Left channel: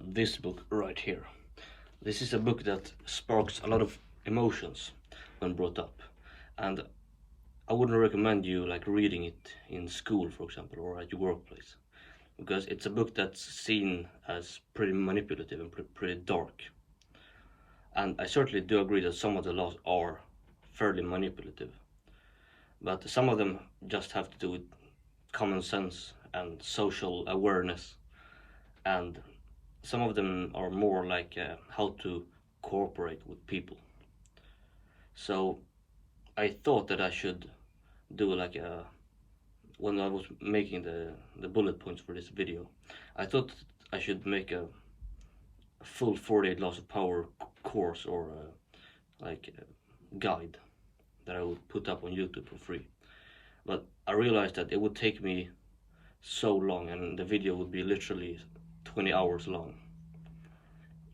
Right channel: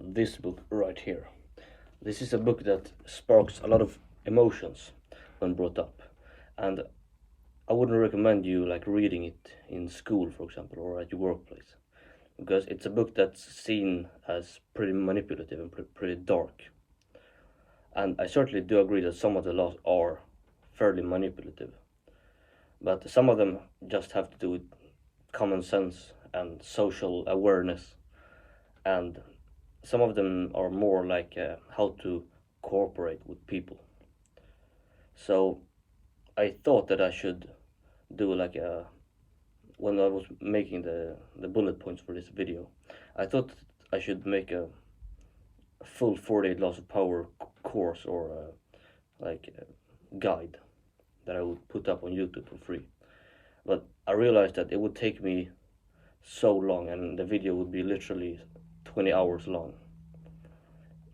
this book right here. This is a book that sparks a lot of emotions when brought up, and I wouldn't recommend you like reading it in school, for example, or at your workplace, because it's a book that's seen as pretty manipulative and pretty dark. And I certainly do agree that some of the laws are fairly manipulative, but some of them just have to do with common sense and social awareness, and some of them are more like how to cooperate with people. So I thought that I should do like a, when I was making the bullet points for this video, I thought I should make a full 48 laws of power course, or like a guide that I would put up on YouTube for free. But I realized that it would take me so long, and the video would be literally 20 hours long.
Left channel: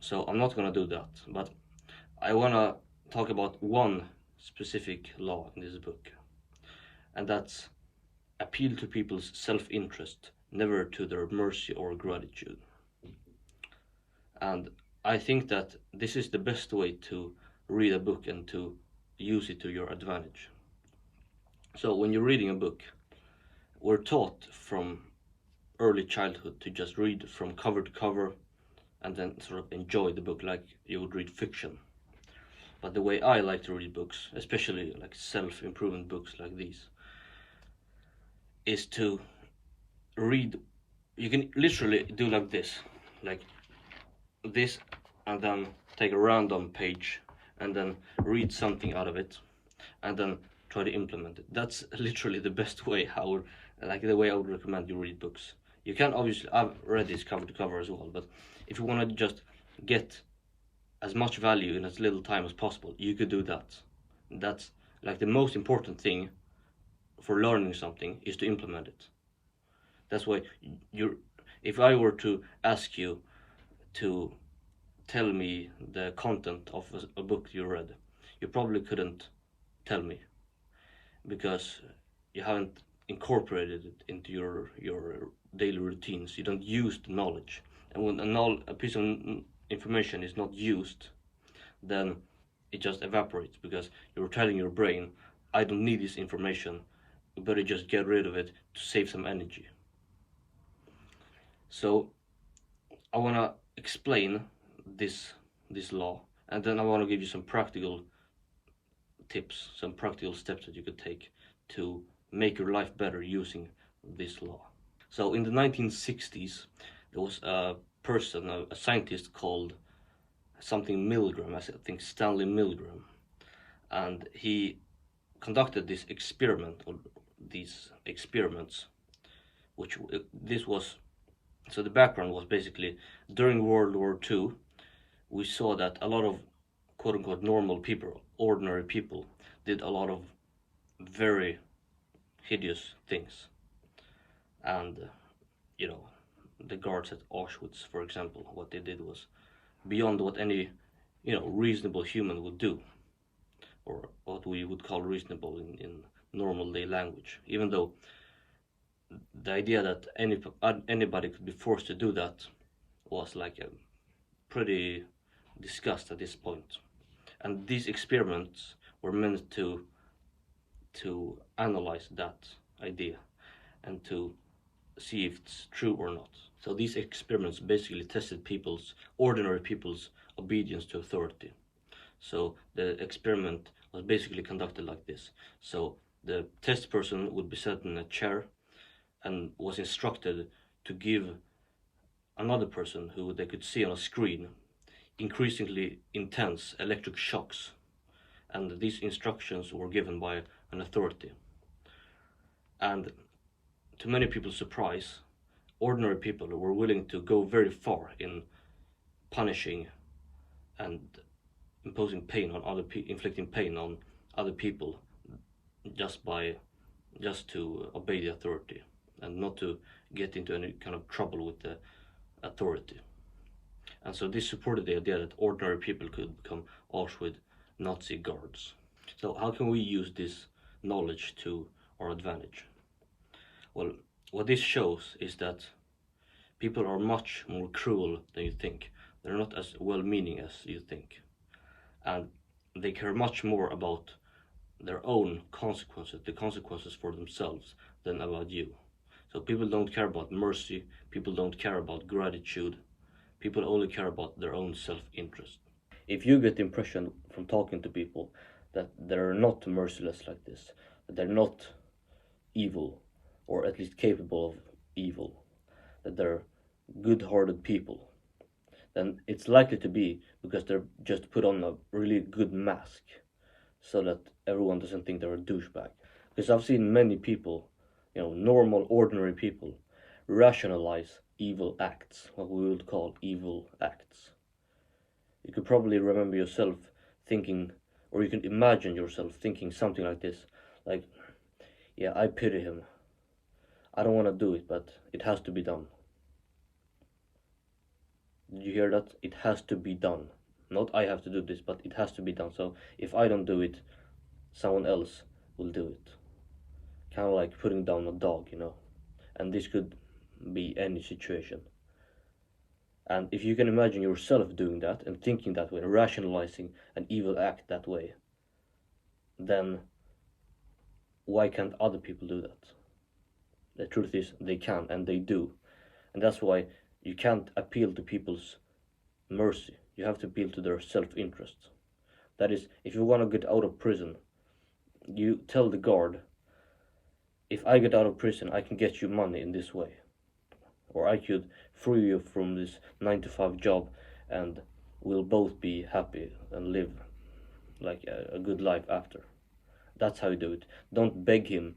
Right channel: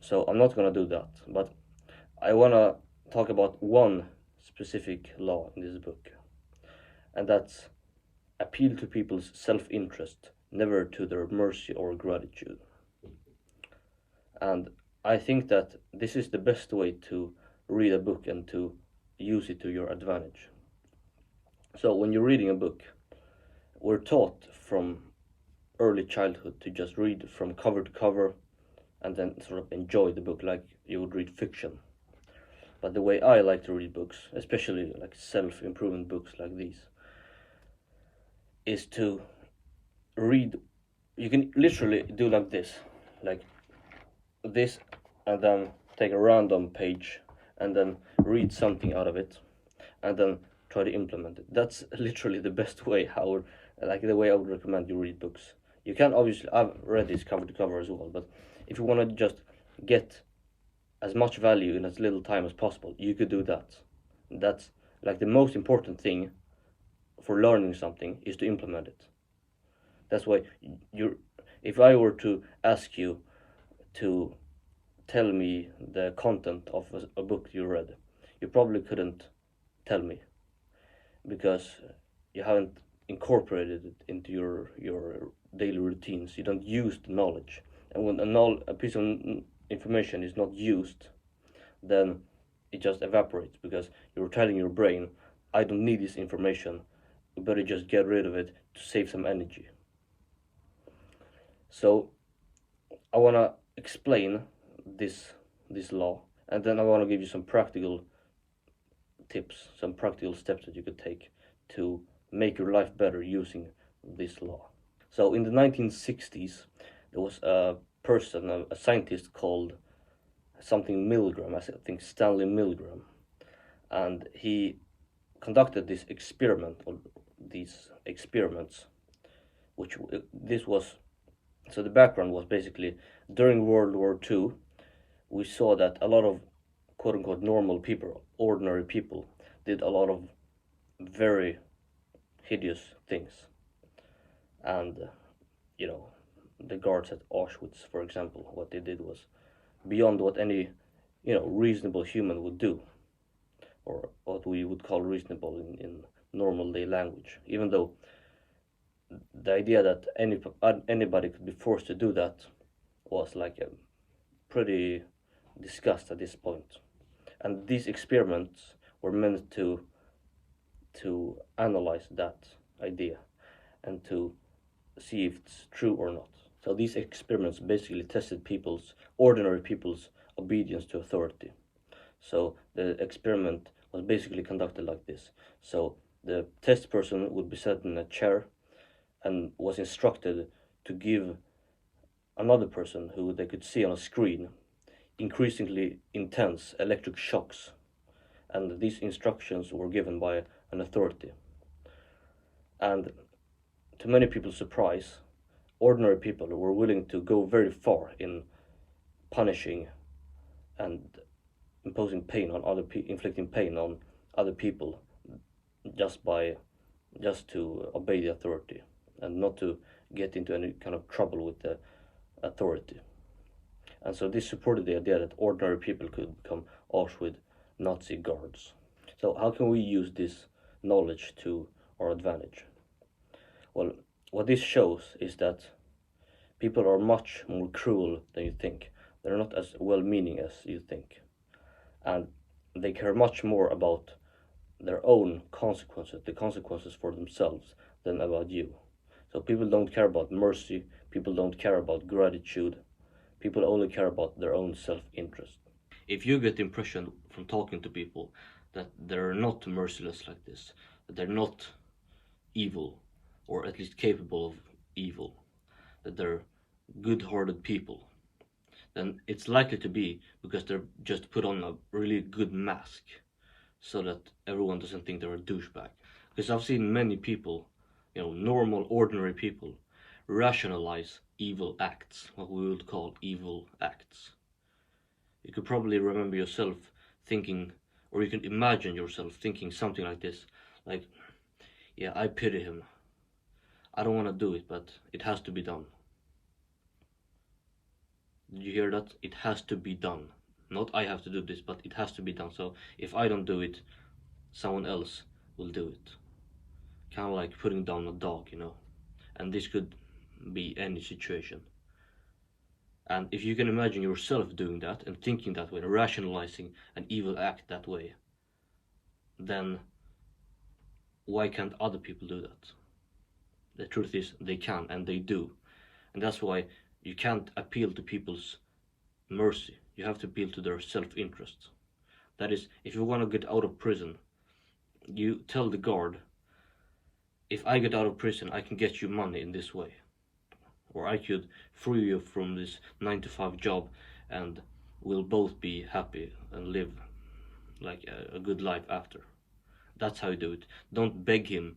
So I'm not gonna do that, but I wanna talk about one specific law in this book, and that's appeal to people's self-interest, never to their mercy or gratitude. And I think that this is the best way to read a book and to use it to your advantage. So when you're reading a book, we're taught from early childhood to just read from cover to cover and then sort of enjoy the book like you would read fiction. But the way I like to read books, especially like self-improvement books like these, is to read. You can literally do like this, and then take a random page and then read something out of it and then try to implement it. That's literally the best way the way I would recommend you read books. You can obviously, I've read this cover to cover as well, but if you want to just get as much value in as little time as possible, you could do that. That's like the most important thing for learning something, is to implement it. That's why if I were to ask you to tell me the content of a book you read, you probably couldn't tell me, because you haven't incorporated it into your daily routines. You don't use the knowledge, and when a piece of information is not used, then it just evaporates, because you're telling your brain, I don't need this information, you better just get rid of it to save some energy. So I want to explain this law, and then I want to give you some practical tips, some practical steps that you could take to make your life better using this law. So in the 1960s, there was a person, a scientist called something Milgram, I think Stanley Milgram, and he conducted these experiments, which this was, so the background was basically during World War II, we saw that a lot of quote-unquote normal people, ordinary people, did a lot of very hideous things. And the guards at Auschwitz, for example, what they did was beyond what any reasonable human would do, or what we would call reasonable in normal day language. Even though the idea that anybody could be forced to do that was like a pretty discussed at this point. And these experiments were meant to analyze that idea and to see if it's true or not. So these experiments basically tested ordinary people's obedience to authority. So the experiment was basically conducted like this. So the test person would be set in a chair and was instructed to give another person, who they could see on a screen, increasingly intense electric shocks. And these instructions were given by an authority. And to many people's surprise, ordinary people were willing to go very far in punishing and imposing pain on inflicting pain on other people, just to obey the authority and not to get into any kind of trouble with the authority. And so this supported the idea that ordinary people could become Auschwitz Nazi guards. So how can we use this knowledge to our advantage? Well, what this shows is that People are much more cruel than you think. They're not as well-meaning as you think. And they care much more about their own consequences, the consequences for themselves, than about you. So people don't care about mercy, people don't care about gratitude, people only care about their own self-interest. If you get the impression from talking to people that they're not merciless like this, that they're not evil, or at least capable of evil, that they're good-hearted people, then it's likely to be because they're just put on a really good mask so that everyone doesn't think they're a douchebag. Because I've seen many people, normal, ordinary people, rationalize evil acts, what we would call evil acts. You could probably remember yourself thinking, or you can imagine yourself thinking something like this, like, yeah, I pity him. I don't want to do it, but it has to be done. Did you hear that? It has to be done. Not I have to do this, but it has to be done. So if I don't do it, someone else will do it. Kind of like putting down a dog, And this could be any situation. And if you can imagine yourself doing that and thinking that way, and rationalizing an evil act that way, then why can't other people do that? The truth is they can, and they do. And that's why you can't appeal to people's mercy. You have to appeal to their self-interest. That is, if you want to get out of prison, you tell the guard, if I get out of prison, I can get you money in this way. Or I could free you from this 9-to-5 job and we'll both be happy and live like a good life after. That's how you do it. Don't beg him.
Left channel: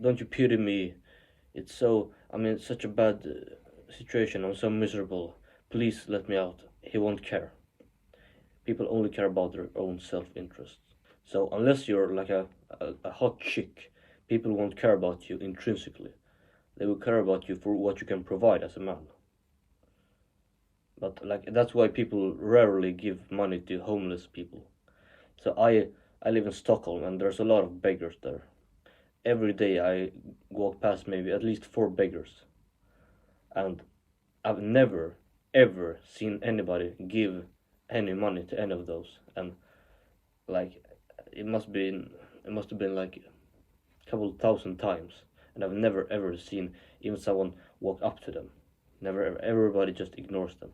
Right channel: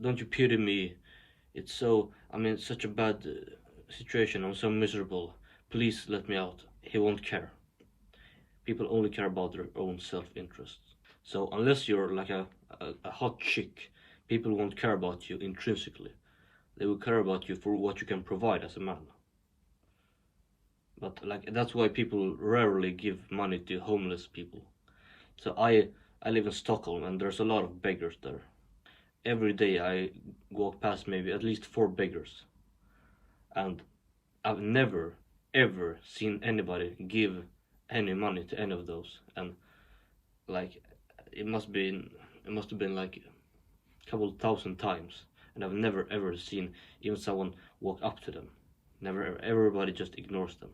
Don't you pity me? It's such a bad situation. I'm so miserable. Please let me out. He won't care. People only care about their own self-interest. So unless you're like a hot chick, people won't care about you intrinsically. They will care about you for what you can provide as a man. But that's why people rarely give money to homeless people. So I live in Stockholm and there's a lot of beggars there. Every day I walk past maybe at least 4 beggars. And I've never ever seen anybody give any money to any of those. And it must have been like a couple thousand times. And I've never ever seen even someone walk up to them. Never ever. Everybody just ignores them.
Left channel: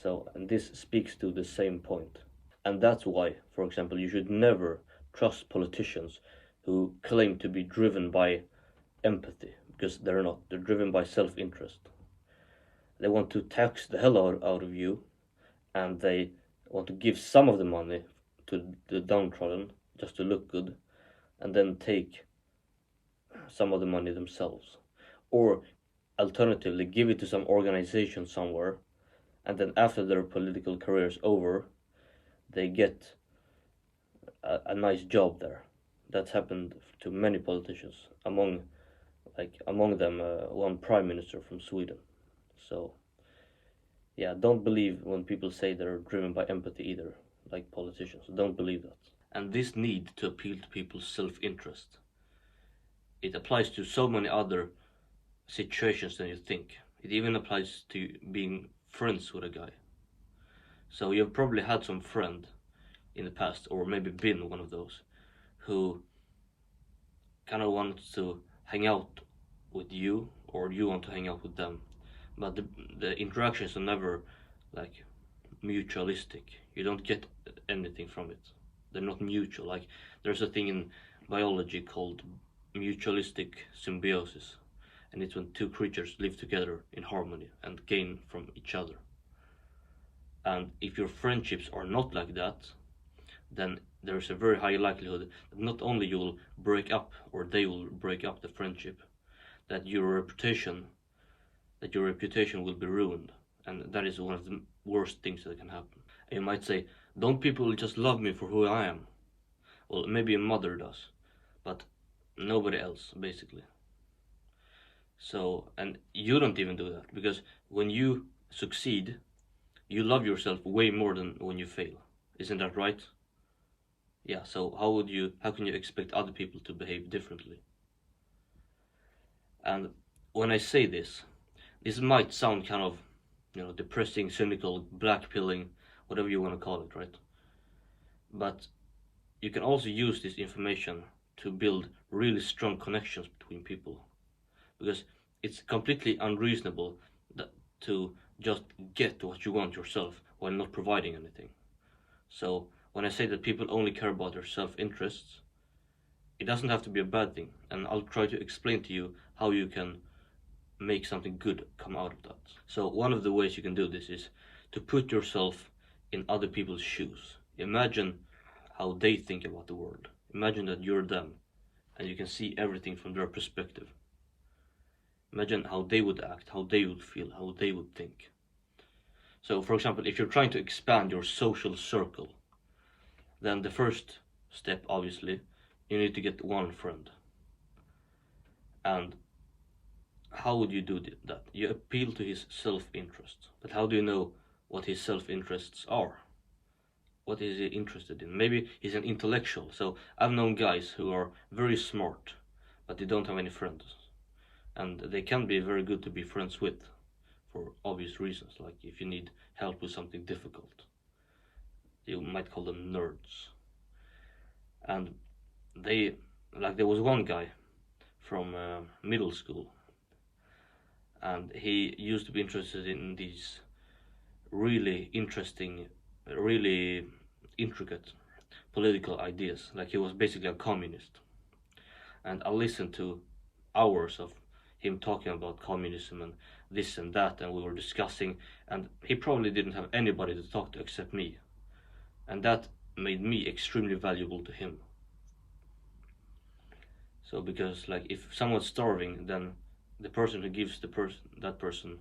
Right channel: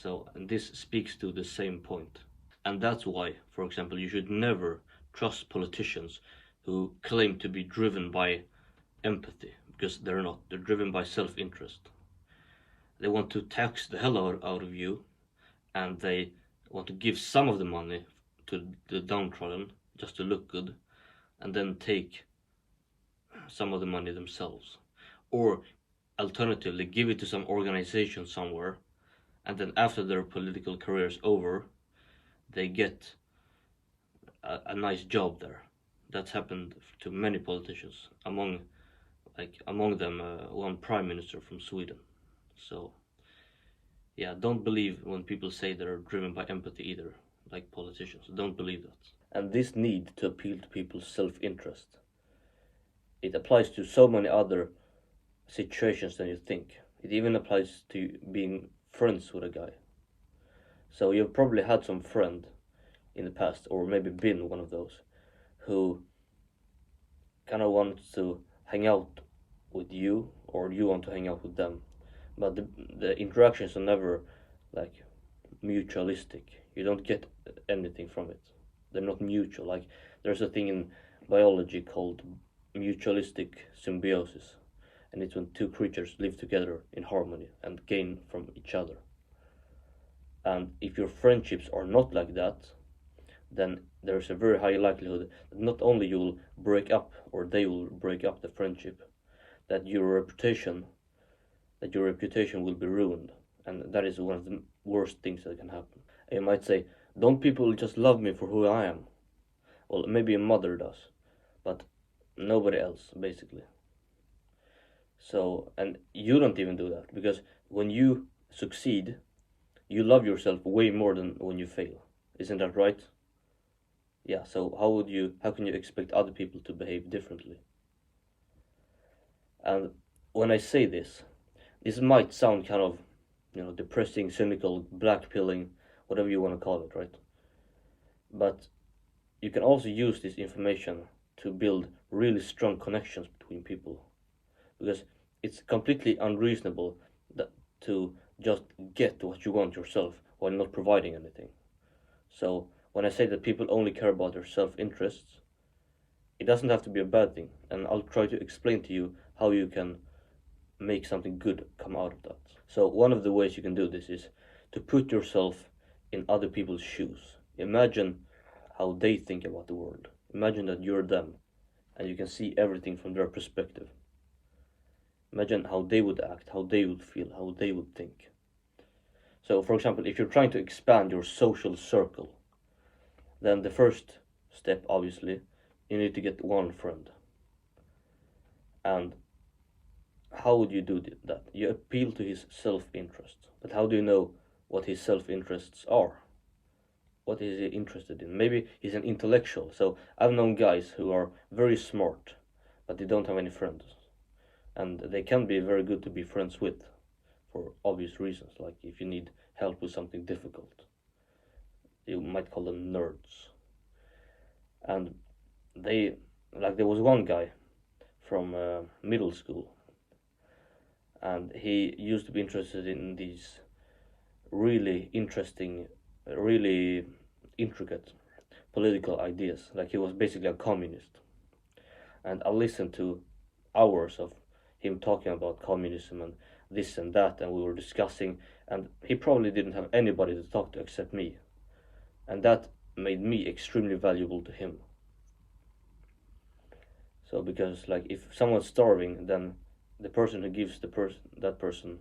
So, and this speaks to the same point. And that's why, for example, you should never trust politicians who claim to be driven by empathy, because they're not. They're driven by self-interest. They want to tax the hell out of you, and they want to give some of the money to the downtrodden just to look good, and then take some of the money themselves. Or alternatively, give it to some organization somewhere, and then after their political career is over, they get a nice job there. That's happened to many politicians, among them one prime minister from Sweden. So yeah, don't believe when people say they're driven by empathy either, like politicians. Don't believe that. And this need to appeal to people's self-interest, it applies to so many other situations than you think. It even applies to being friends with a guy. So you've probably had some friend in the past, or maybe been one of those, who kind of wants to hang out with you, or you want to hang out with them, but the interactions are never like mutualistic. You don't get anything from it. They're not mutual. Like, there's a thing in biology called mutualistic symbiosis, and it's when two creatures live together in harmony and gain from each other. And if your friendships are not like that, then there's a very high likelihood that not only you will break up, or they will break up the friendship, that your reputation will be ruined. And that is one of the worst things that can happen. And you might say, don't people just love me for who I am? Well, maybe a mother does, but nobody else, basically. So, and you don't even do that, because when you succeed, you love yourself way more than when you fail. Isn't that right? Yeah, so how can you expect other people to behave differently? And when I say this, this might sound kind of, depressing, cynical, blackpilling, whatever you want to call it, right? But you can also use this information to build really strong connections between people, because it's completely unreasonable that to just get what you want yourself while not providing anything. So when I say that people only care about their self-interests, it doesn't have to be a bad thing, and I'll try to explain to you how you can make something good come out of that. So one of the ways you can do this is to put yourself in other people's shoes. Imagine how they think about the world. Imagine that you're them and you can see everything from their perspective. Imagine how they would act, how they would feel, how they would think. So for example, if you're trying to expand your social circle, then the first step, obviously, you need to get one friend. And how would you do that? You appeal to his self-interest. But how do you know what his self-interests are? What is he interested in? Maybe he's an intellectual. So I've known guys who are very smart, but they don't have any friends. And they can be very good to be friends with for obvious reasons, like if you need help with something difficult. You might call them nerds. And there was one guy from middle school, and he used to be interested in these really interesting, really intricate political ideas. Like he was basically a communist. And I listened to hours of him talking about communism and this and that, and we were discussing, and he probably didn't have anybody to talk to except me. And that made me extremely valuable to him. So because like if someone's starving, then the person who gives that person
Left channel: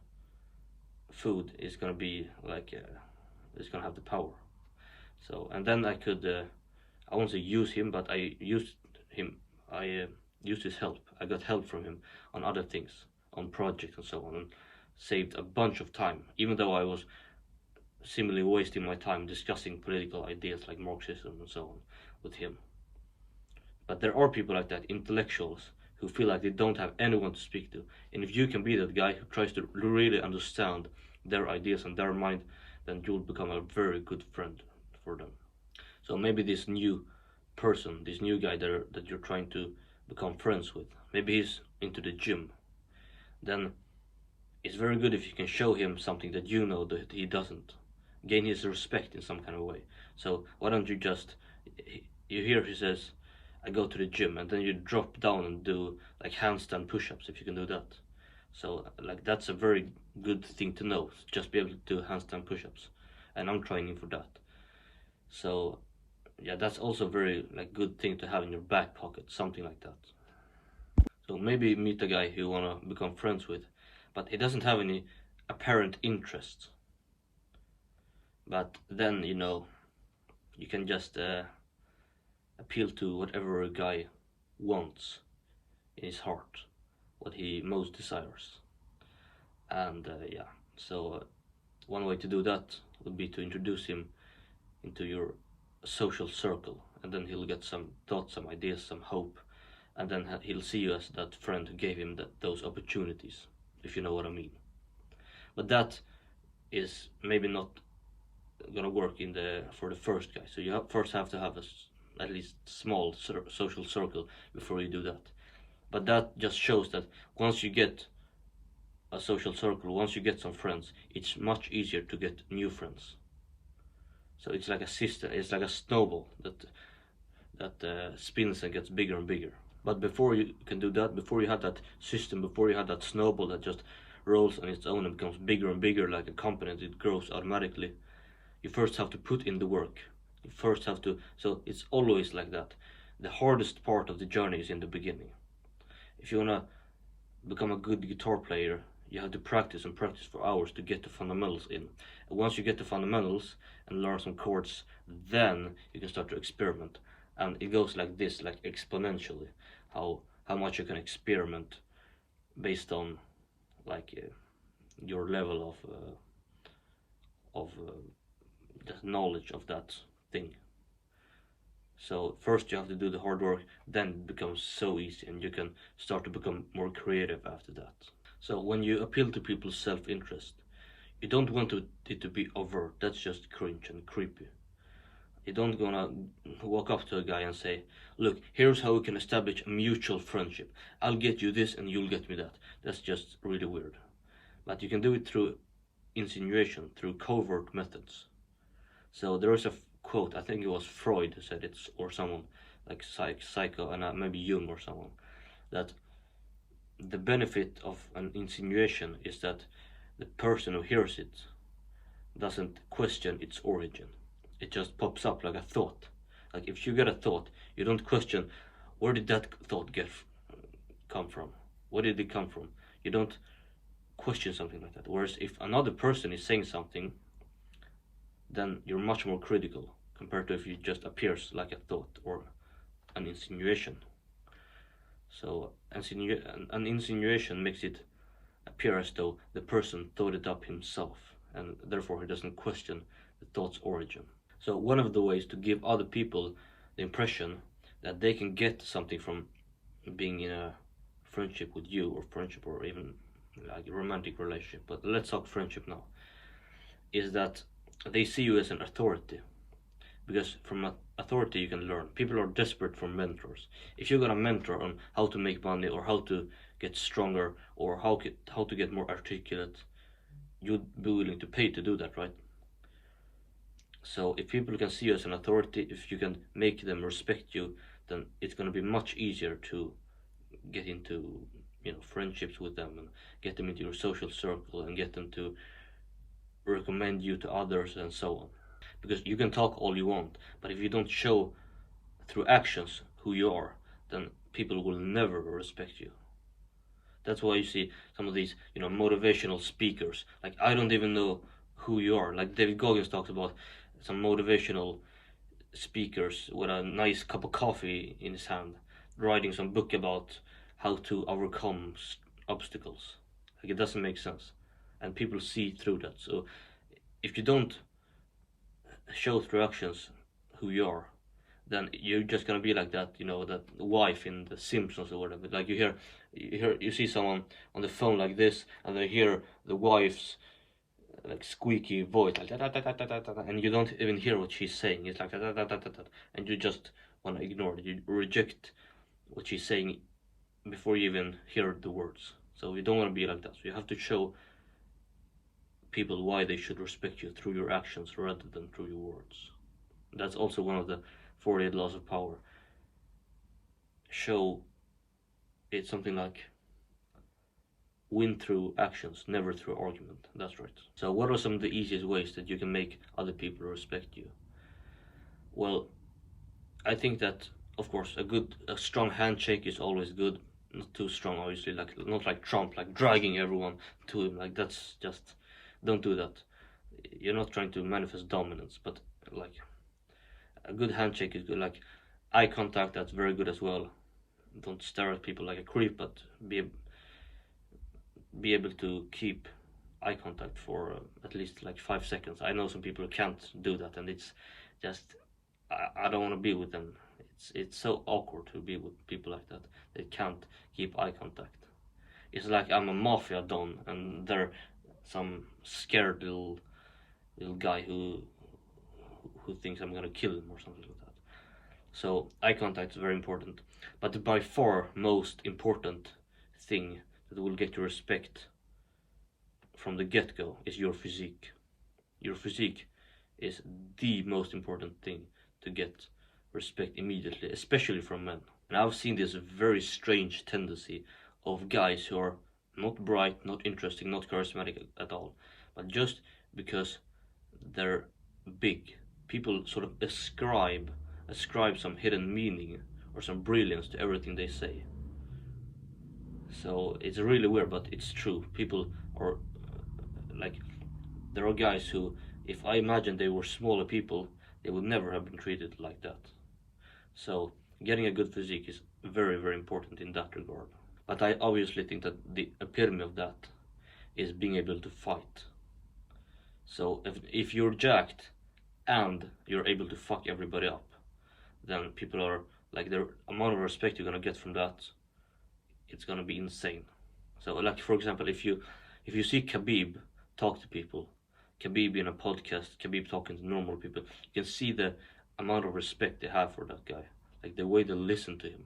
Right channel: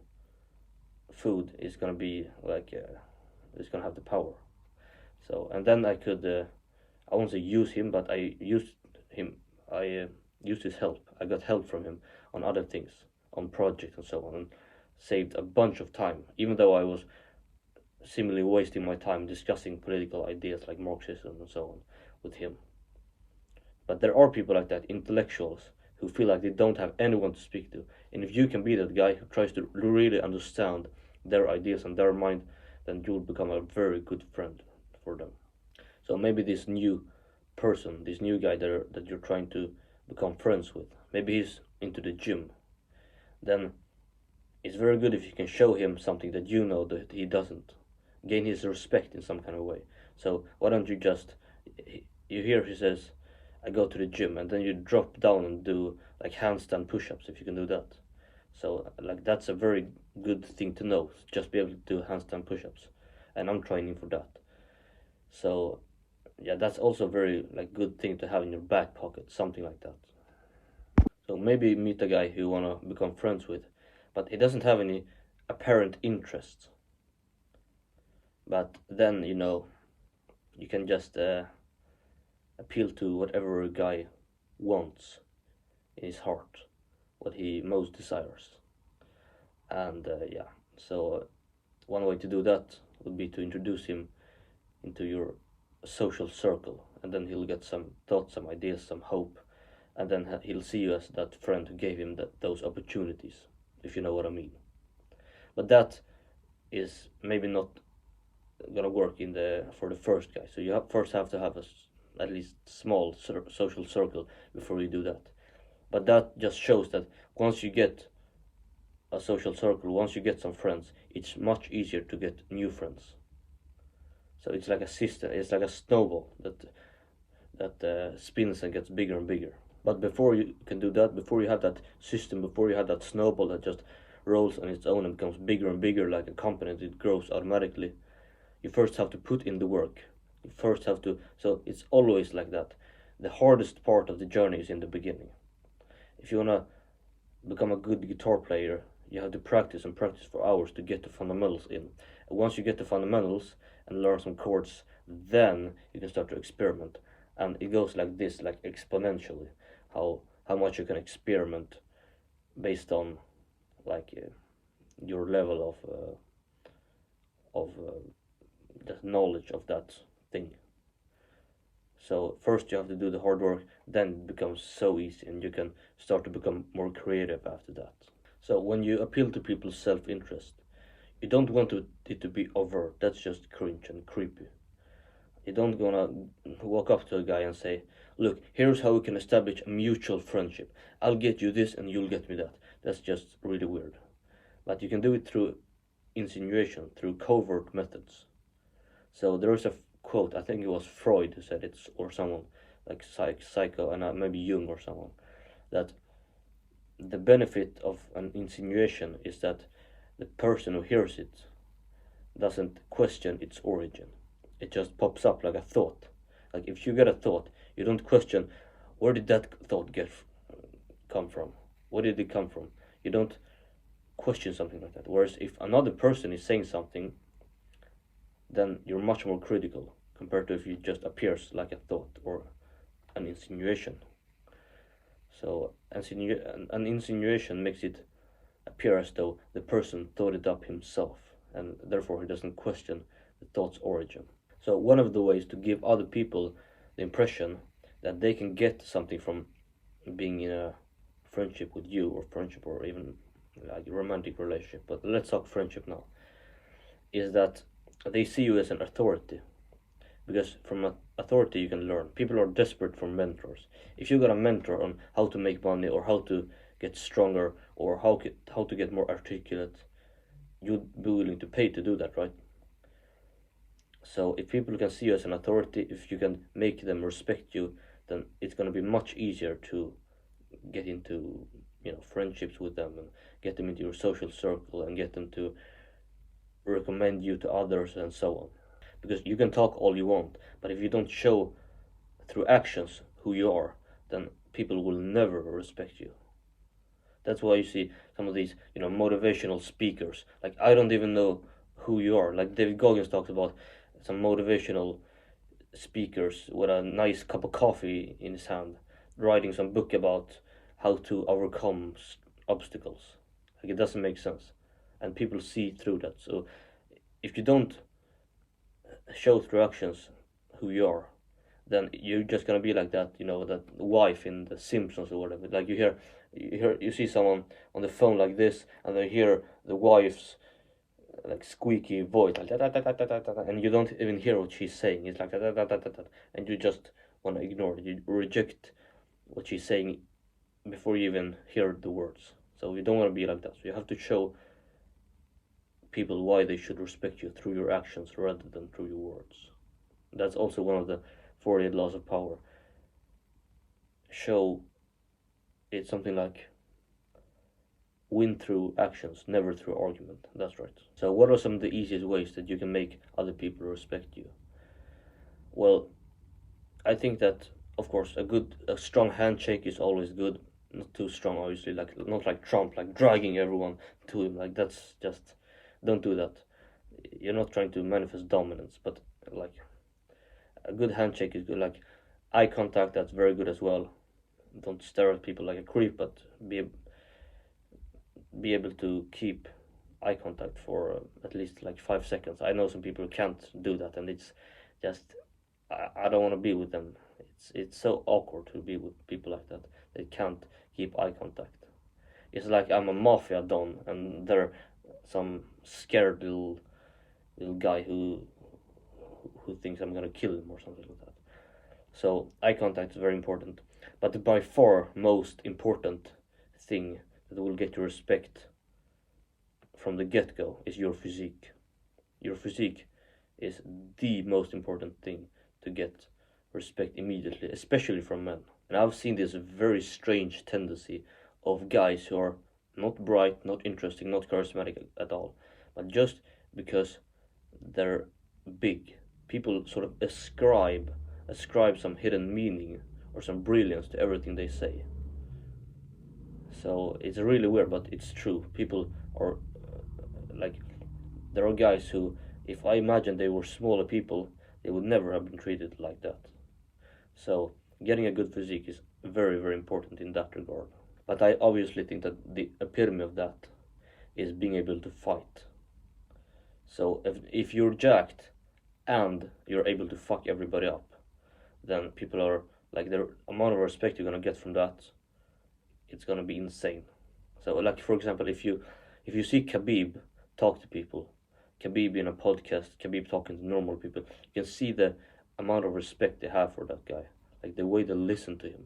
food is gonna be like is gonna have the power. So and then I could I won't say use him, but I used him. I used his help. I got help from him on other things, on projects and so on, and saved a bunch of time, even though I was seemingly wasting my time discussing political ideas like Marxism and so on with him. But there are people like that, intellectuals, who feel like they don't have anyone to speak to. And if you can be that guy who tries to really understand their ideas and their mind, then you'll become a very good friend for them. So maybe this new person, this new guy that you're trying to become friends with, maybe he's into the gym. Then it's very good if you can show him something that you know that he doesn't. Gain his respect in some kind of way. So why don't you just, you hear he says, I go to the gym, and then you drop down and do like handstand push-ups if you can do that. So like that's a very good thing to know, just be able to do handstand push-ups, and I'm training for that. So yeah, that's also a very like good thing to have in your back pocket, something like that. So maybe meet a guy who you wanna become friends with, but he doesn't have any apparent interest. But then you can just appeal to whatever a guy wants in his heart, what he most desires. And yeah, so one way to do that would be to introduce him into your social circle, and then he'll get some thoughts, some ideas, some hope, and then he'll see you as that friend who gave him those opportunities, if you know what I mean. But that is maybe not gonna work for the first guy. So you first have to have at least small social circle before you do that. But that just shows that once you get a social circle, once you get some friends, it's much easier to get new friends. So it's like a system, it's like a snowball that spins and gets bigger and bigger. But before you can do that, before you have that system, before you have that snowball that just rolls on its own and becomes bigger and bigger like a company, it grows automatically, you first have to put in the work. You first have to, so it's always like that. The hardest part of the journey is in the beginning. If you want to become a good guitar player, you have to practice and practice for hours to get the fundamentals in. And once you get the fundamentals and learn some chords, then you can start to experiment. And it goes like this, like exponentially, how much you can experiment based on like your level of the knowledge of that thing. So first you have to do the hard work, then it becomes so easy, and you can start to become more creative after that. So when you appeal to people's self-interest, you don't want it to be overt. That's just cringe and creepy. You don't gonna walk up to a guy and say, "Look, here's how we can establish a mutual friendship. I'll get you this and you'll get me that." That's just really weird. But you can do it through insinuation, through covert methods. So there is a quote, I think it was Freud who said it, or someone like psycho, and maybe Jung or someone, that the benefit of an insinuation is that the person who hears it doesn't question its origin. It just pops up like a thought. Like if you get a thought, you don't question where did that thought come from? Where did it come from? You don't question something like that. Whereas if another person is saying something, then you're much more critical compared to if it just appears like a thought or an insinuation. So an insinuation makes it appear as though the person thought it up himself, and therefore he doesn't question the thought's origin. So one of the ways to give other people the impression that they can get something from being in a friendship with you, or friendship, or even like a romantic relationship, but let's talk friendship now, is that they see you as an authority. Because from authority you can learn. People are desperate for mentors. If you got a mentor on how to make money, or how to get stronger, or how to get more articulate, you'd be willing to pay to do that, right? So if people can see you as an authority, if you can make them respect you, then it's going to be much easier to get into, friendships with them, and get them into your social circle, and get them to recommend you to others, and so on. Because you can talk all you want, but if you don't show through actions who you are, then people will never respect you. That's why you see some of these, motivational speakers. Like, I don't even know who you are. Like David Goggins talks about some motivational speakers with a nice cup of coffee in his hand, writing some book about how to overcome obstacles. Like, it doesn't make sense, and people see through that. So if you don't show through actions who you are, then you're just gonna be like that, that wife in The Simpsons or whatever. Like you see someone on the phone like this, and they hear the wife's like squeaky voice, like da, da, da, da, da, da, and you don't even hear what she's saying. It's like da, da, da, da, da, da, and you just want to ignore it. You reject what she's saying before you even hear the words. So you don't want to be like that. So you have to show people why they should respect you through your actions rather than through your words. That's also one of the 48 laws of power. Show it's something like win through actions, never through argument. That's right. So what are some of the easiest ways that you can make other people respect you? Well, I think that, of course, a strong handshake is always good. Not too strong, obviously, like not like Trump, like dragging everyone to him. Like, that's just, don't do that. You're not trying to manifest dominance, but like a good handshake is good. Like eye contact, that's very good as well. Don't stare at people like a creep, but be able to keep eye contact for at least like 5 seconds. I know some people can't do that, and it's just I don't want to be with them. It's so awkward to be with people like that. They can't keep eye contact. It's like I'm a mafia don, and they're some scared little guy who thinks I'm gonna kill him or something like that. So eye contact is very important. But the by far most important thing that will get your respect from the get-go is your physique. Your physique is the most important thing to get respect immediately, especially from men. And I've seen this very strange tendency of guys who are not bright, not interesting, not charismatic at all, but just because they're big, people sort of ascribe some hidden meaning or some brilliance to everything they say. So it's really weird, but it's true. People are like, there are guys who, if I imagine they were smaller people, they would never have been treated like that. So getting a good physique is very, very important in that regard. But I obviously think that the epitome of that is being able to fight. So if you're jacked and you're able to fuck everybody up, then people are like, the amount of respect you're gonna get from that, it's gonna be insane. So like for example, if you see Khabib talk to people, Khabib in a podcast, Khabib talking to normal people, you can see the amount of respect they have for that guy, like the way they listen to him.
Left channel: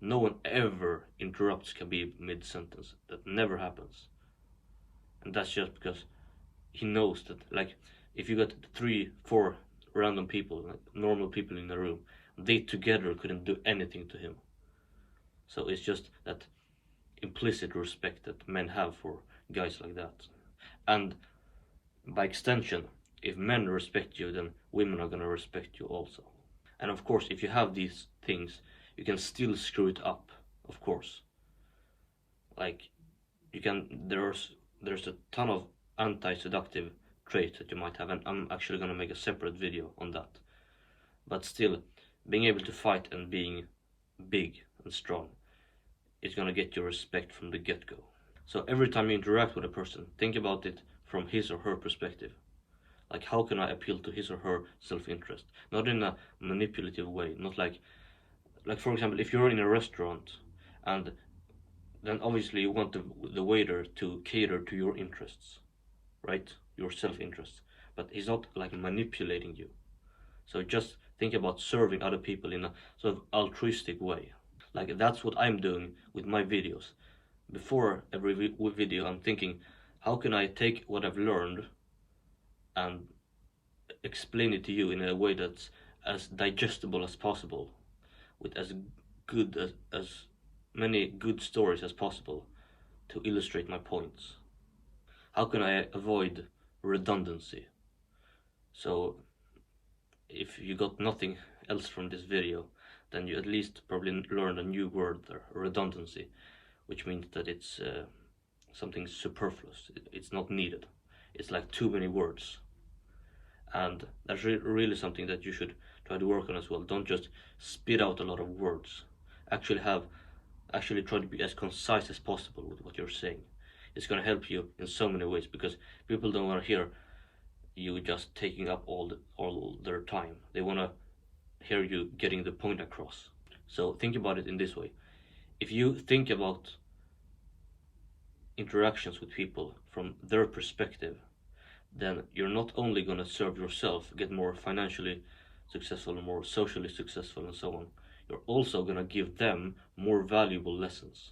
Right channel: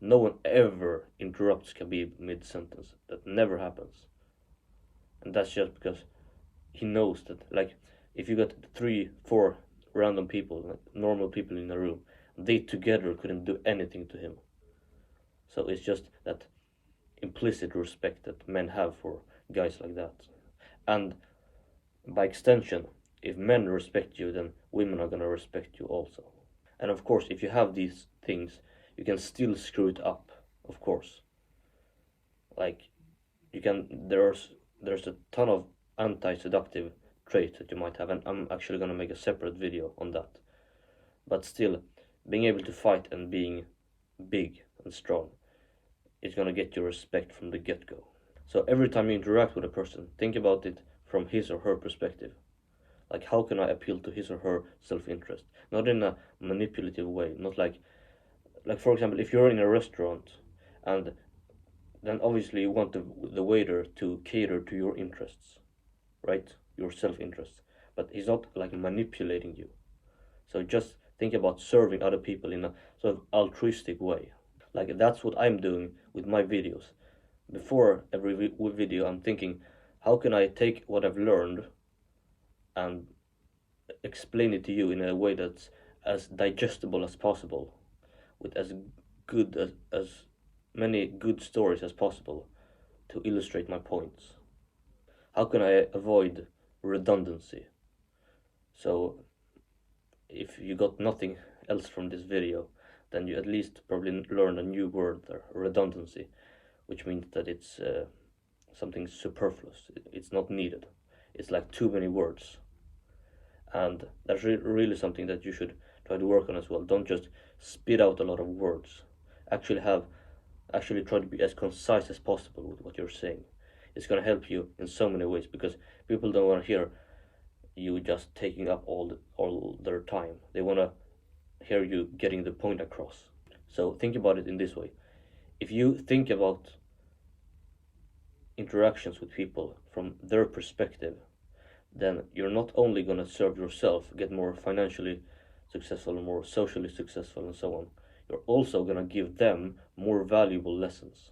No one ever interrupts Khabib mid-sentence. That never happens. And that's just because he knows that, like, if you got 3, 4 random people, like normal people in a room, they together couldn't do anything to him. So it's just that implicit respect that men have for guys like that. And by extension, if men respect you, then women are gonna respect you also. And of course, if you have these things, you can still screw it up, of course. Like, you can, there's a ton of anti-seductive traits that you might have, and I'm actually gonna make a separate video on that. But still, being able to fight and being big and strong is gonna get your respect from the get-go. So every time you interact with a person, think about it from his or her perspective. Like, how can I appeal to his or her self-interest? Not in a manipulative way, not like for example, if you're in a restaurant and then obviously you want the waiter to cater to your interests, right? Your self-interest. But he's not like manipulating you. So just think about serving other people in a sort of altruistic way. Like, that's what I'm doing with my videos. Before every video, I'm thinking, how can I take what I've learned and explain it to you in a way that's as digestible as possible, with as good as many good stories as possible to illustrate my points. How can I avoid redundancy? So if you got nothing else from this video, then you at least probably learned a new word there, redundancy, which means that it's something superfluous. It's not needed. It's like too many words. And that's really something that you should try to work on as well. Don't just spit out a lot of words. Actually try to be as concise as possible with what you're saying. It's going to help you in so many ways, because people don't want to hear you just taking up all their time. They want to hear you getting the point across. So think about it in this way. If you think about interactions with people from their perspective, then you're not only going to serve yourself, get more financially successful, more socially successful, and so on, you're also going to give them more valuable lessons.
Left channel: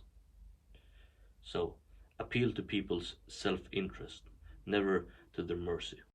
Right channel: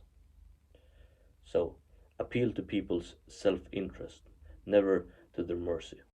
So appeal to people's self-interest, never to their mercy.